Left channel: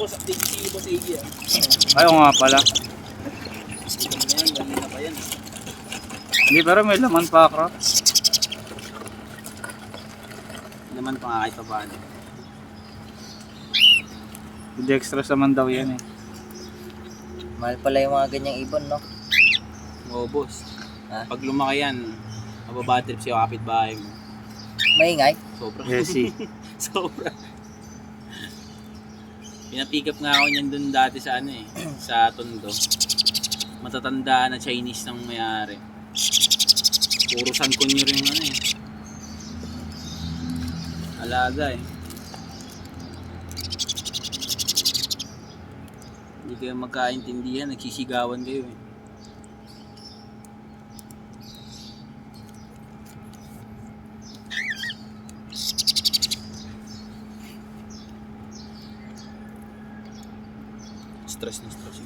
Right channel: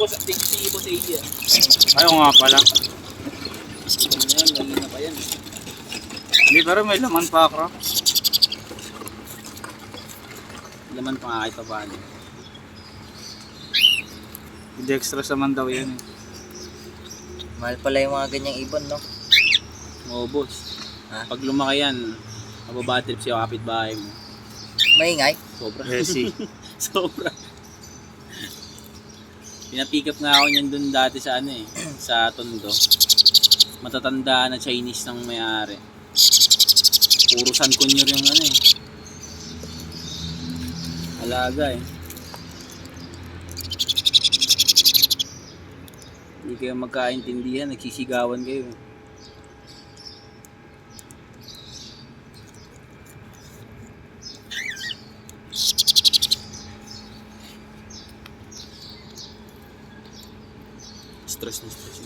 boss, si boss AJ ah. Ayaw nga pala. Ayan, lagi na pa yan. Hindi, pero may laman pa ako. Laman pa nga kahit pa paano. Dextrose naman daw yan eh. Mahal pala yung mga ganyang ibon, no? Oo boss. Ha? Pag lumaki yan, mababatrip siya kapitbahay mo. Maingay. Sobra. Jersey. Sobra. Pinapick up nga ako niyan dun dati sa ano eh, sa Tondo. Matatanda na Chinese nang may-ari. Puro San Kunyor yung ano eh. Alaga eh. Hindi kayo magkaintindihan, nagsisigawan kayo eh. Stress na stress.